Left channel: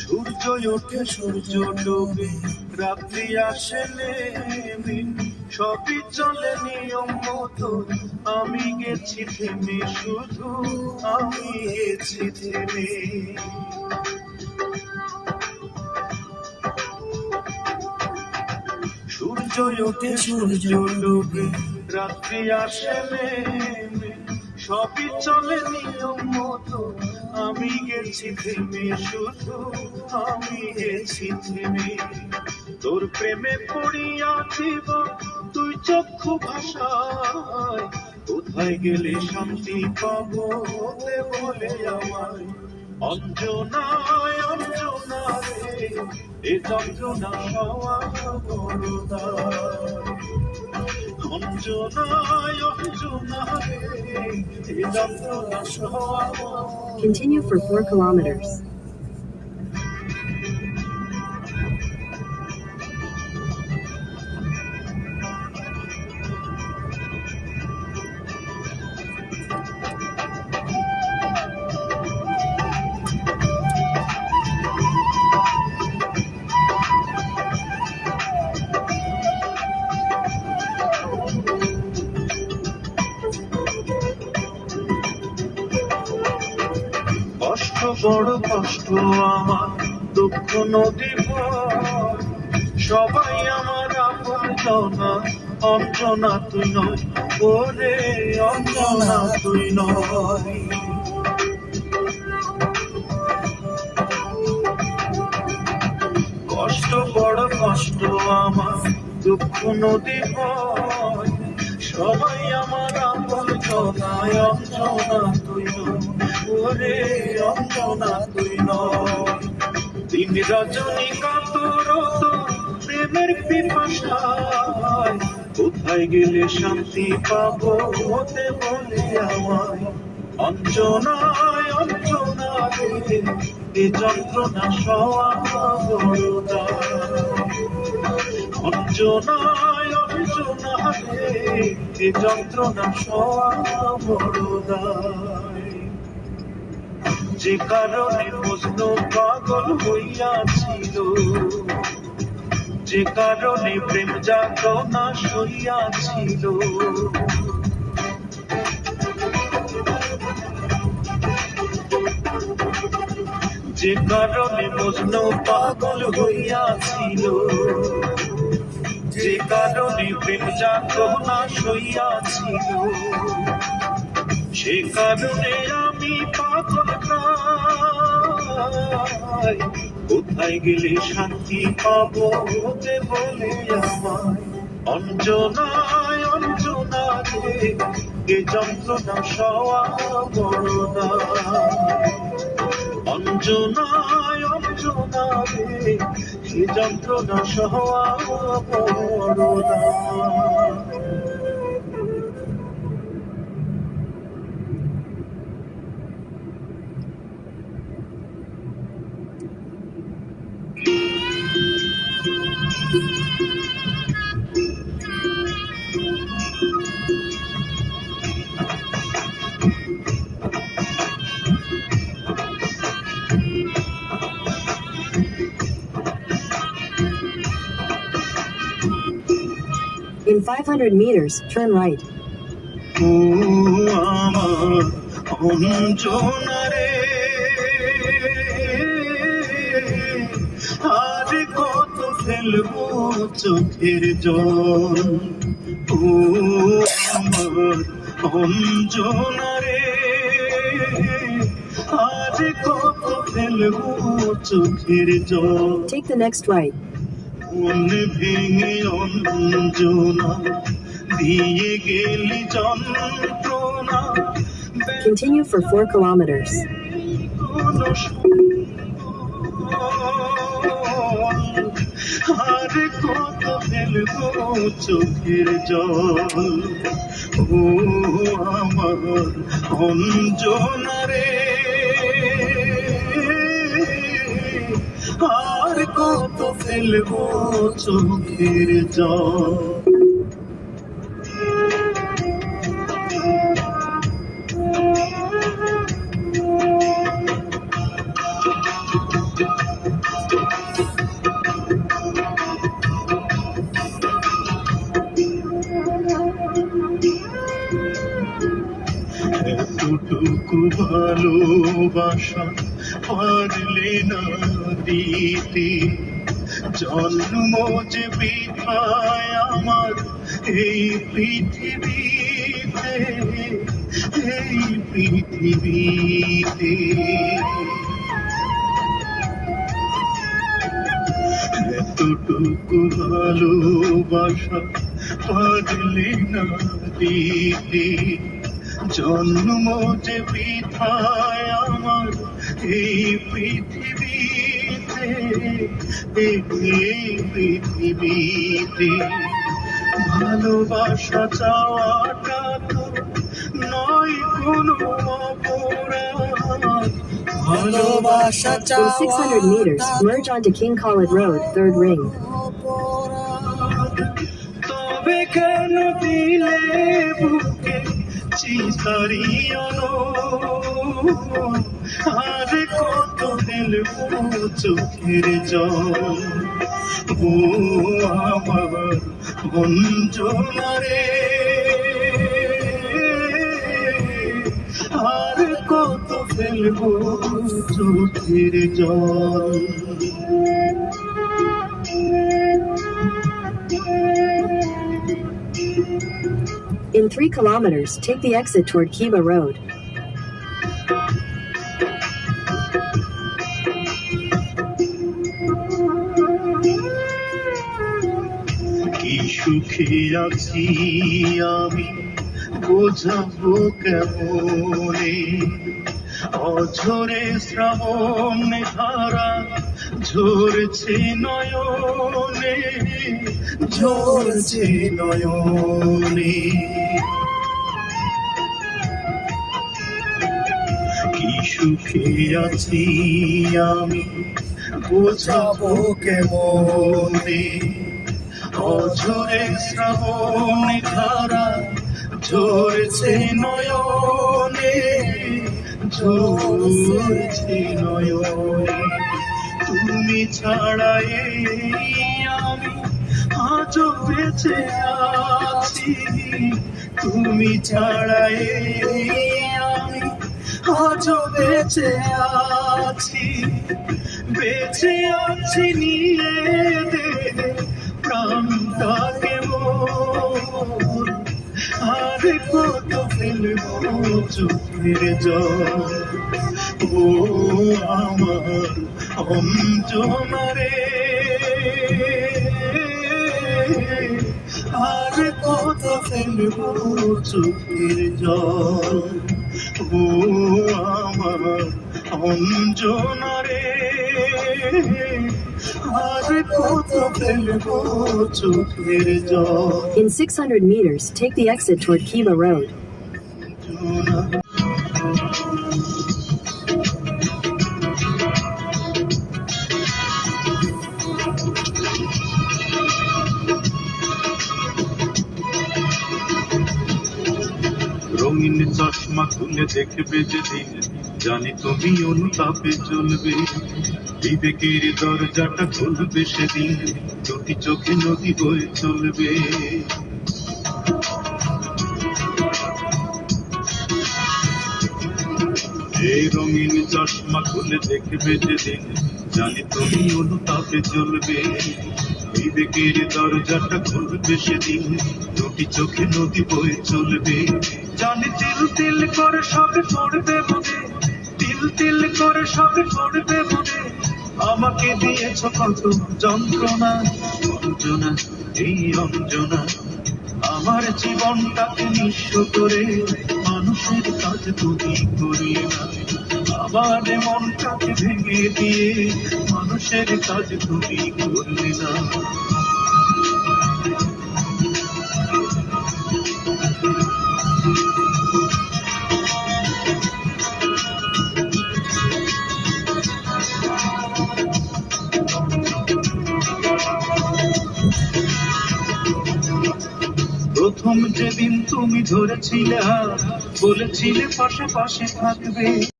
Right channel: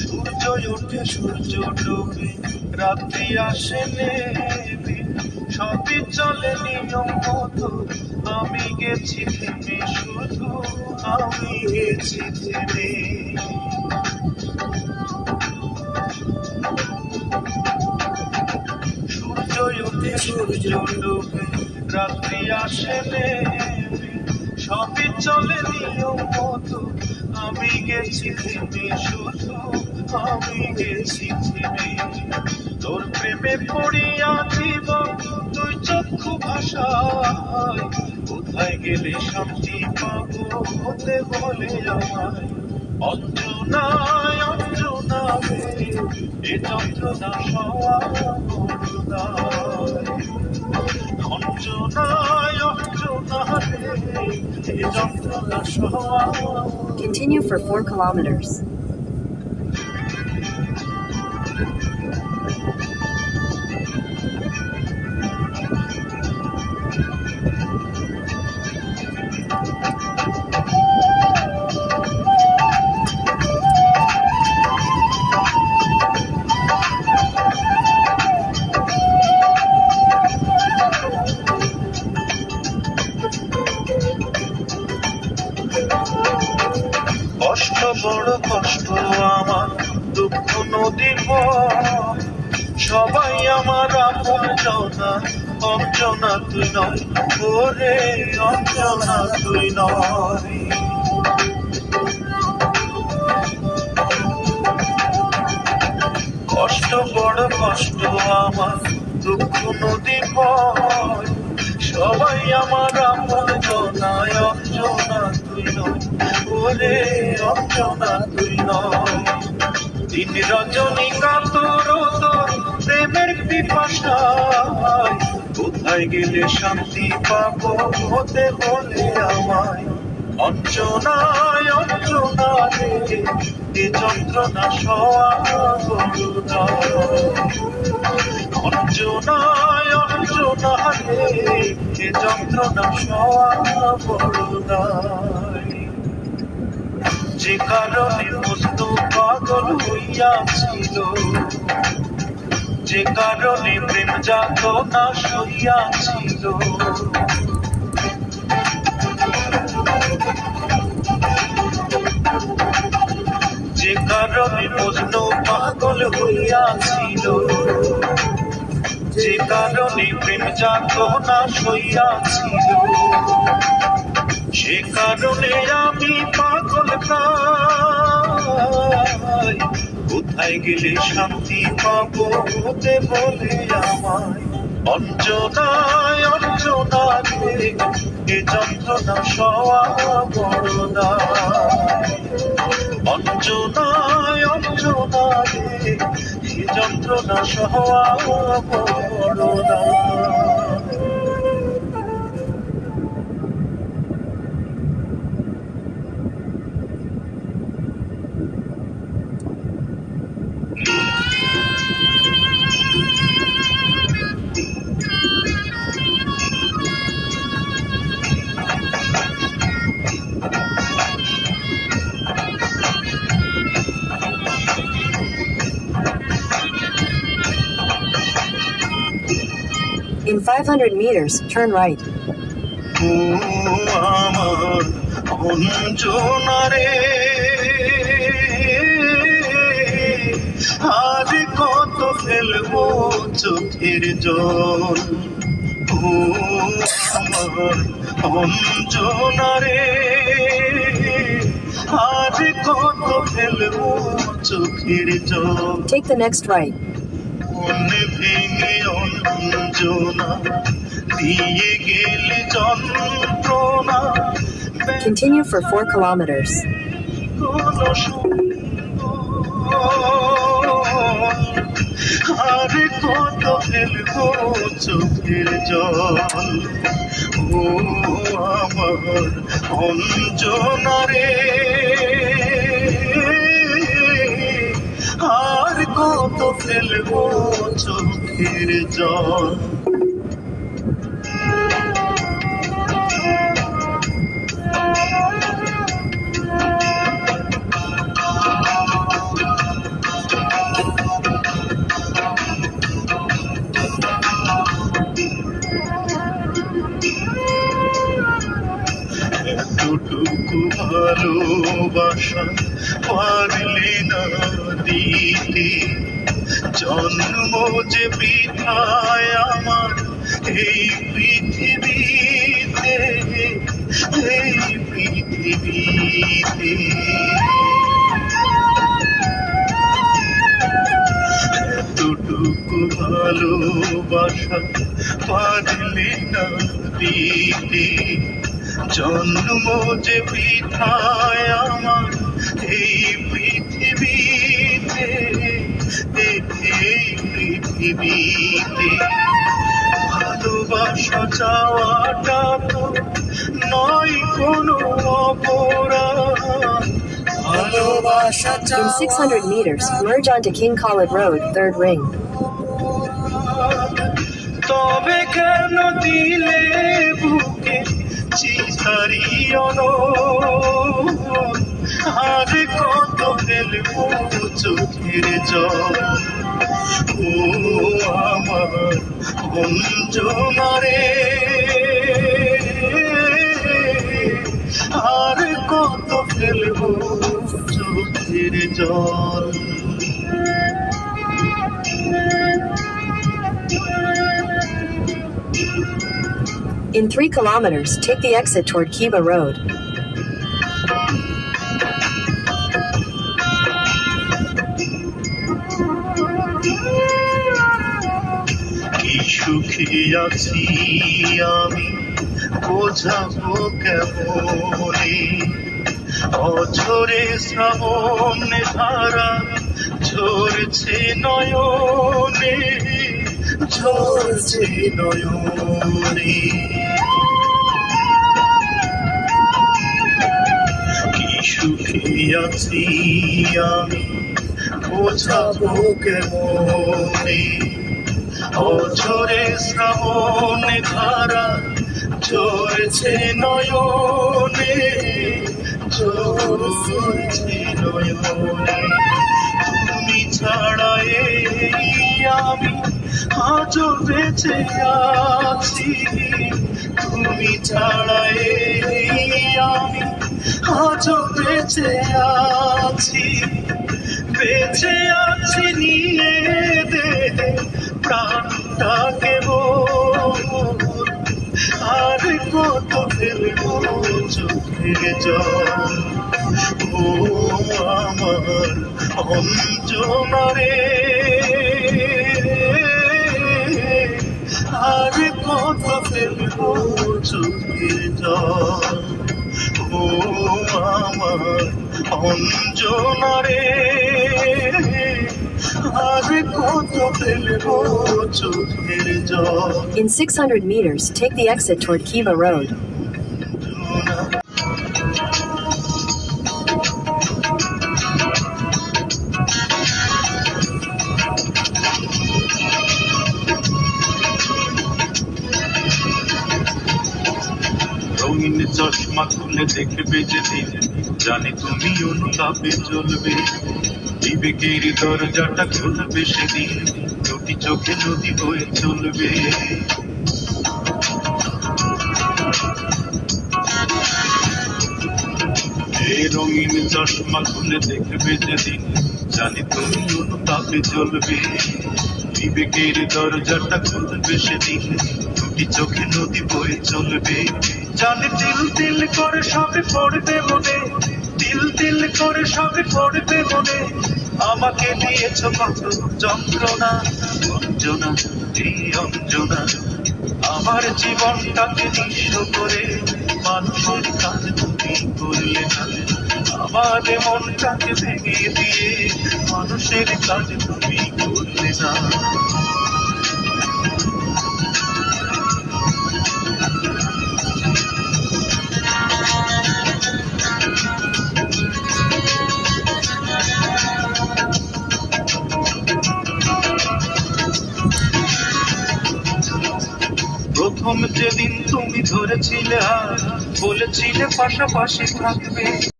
সূর্য ওঠে সূর্য ডোবে, রাত্রি আসে নেমে, সবই চলে নিয়ম মতো, আমি গেছি থেমে, শুধু আমি গেছি থেমে। সূর্য ওঠে সূর্য ডোবে, রাত্রি আসে নেমে, সবই চলে নিয়ম মতো, আমি গেছি থেমে, শুধু আমি গেছি থেমে। তোর প্রেমে পড়িয়া জীবন তুই চক্ষু ভাষায়, কোথায় গেলে শান্তি পাবো হতে বলে আমায়। অঞ্জনায় অঞ্জনা রে, এ যন্ত্রণা সওয়া বড় দায়। অঞ্জনায় অঞ্জনা রে, এ যন্ত্রণা সওয়া। Continue for 4 kilometers. কষ্ট বড় কষ্ট আমার, দুঃখ নদী পথ, সবাই আমার আপনজনা, অঞ্জনা তুই নয়, ওরে অঞ্জনা তুই নয়। কষ্ট বড় কষ্ট আমার, দুঃখ নদী পথ, সবাই আমার আপনজনা, অঞ্জনা তুই নয়, ওরে অঞ্জনা তুই নয়। দিন রজনী কাতর তোর প্রেমের পিপাসায়, কোথায় গেলে শান্তি পাবো হতে বলে আমায়। অঞ্জনায় অঞ্জনা রে, এ যন্ত্রণা সওয়া বড় দায়। অঞ্জনায় অঞ্জনা রে, এ যন্ত্রণা সওয়া বড় দায়। যে কারণে মজনু পাগল হইয়াছিল, যে কারণে প্রেম যাতনা সইয়াছিল, যে কারণে মজনু পাগল হইয়াছিল, যে কারণে প্রেম যাতনা সইয়াছিল, সে কারণে আমি পাগল প্রায়, কোথায় গেলে শান্তি পাবো হতে বলে আমায়। অঞ্জনায় অঞ্জনা রে, এ যন্ত্রণা সওয়া বড় দায়। অঞ্জনায় অঞ্জনা রে, এ যন্ত্রণা সওয়া বড় দায়। In 500 meters, turn right. ও আমার অঞ্জনা রে, আজ কত ফেলবো চোখের জল। ও আমার অঞ্জনা রে, আজ কত ফেলবো চোখের জল। Take the next right. মন ভেঙে অঞ্জনা দিয়ে গেলে যন্ত্রণা। Continue for 4 kilometers. আর কত ফেলবো চোখের জল। ও আমার অঞ্জনা রে, আর কত ফেলবো চোখের জল। এতটুকু ভালোবাসা পারলে না দিতে, জন্ম যে বৃথায় আমার এই পৃথিবীতে, এই পৃথিবীতে। এতটুকু ভালোবাসা পারলে না দিতে, জন্ম যে বৃথায় আমার এই পৃথিবীতে, এই পৃথিবীতে। ভালোবাসা চাওয়াটা তো নয় কোনো অপরাধ, ভালোবাসা In 600 meters, merge onto King Khalid Road, 3rd ring. তবে কেন দিলে বুকে চিতারিয়ন, আর কত ফেলবো চোখের জল। ও আমার অঞ্জনা রে, আর কত ফেলবো চোখের জল। In 3 kilometers, take the exit toward Kiba Road. কি সুখী আছি আমি বোঝাবো কেমনে, অঝরে শ্রাবণ ধারা ঝরছে নয়নে, ঝরছে নয়নে। কি সুখী আছি আমি বোঝাবো কেমনে, অঝরে শ্রাবণ ধারা ঝরছে নয়নে, ঝরছে নয়নে। তুমি ছাড়া এই আমি আজও বেঁচে আছি, তুমি ছাড়া এই আমি আজও বেঁচে আছি, বেঁচে আছি নিয়ে দে প্রাণটাকে মোর, আর কত ফেলবো চোখের জল। ও আমার অঞ্জনা রে, আর কত ফেলবো চোখের জল। ও আমার অঞ্জনা রে, আর কত ফেলবো চোখের জল। In 600 meters, take the exit toward Kiba Road. রঙিন চশমা খুলে দেখবে যেদিন, জানি তুমি অনুতাপে চলবে, বিবেকের দরজাটা খুলবে সেদিন, দুটি চোখে নদী বয়ে চলবে। এই রঙিন চশমা খুলে দেখবে যেদিন, জানি তুমি অনুতাপে চলবে, বিবেকের দরজাটা খুলবে সেদিন, দুটি চোখে নদী বয়ে চলবে। জানি তিল তিল করে সবই পড়বে মনে, তিল তিল করে সবই পড়বে মনে, আমাকে দিয়েছ কত যন্ত্রণা, অঞ্জনা এই অঞ্জনা। আমার জীবনটাকে নিঃস্ব করে মানুষের কাজ তুমি করলে না, আমার মনটাকে ভেঙে দিয়ে মানুষের কাজ তুমি করলে না। প্রথম যেদিন তুমি ধরেছিলে হাত, বলেছিলে পাশাপাশি থাকবে।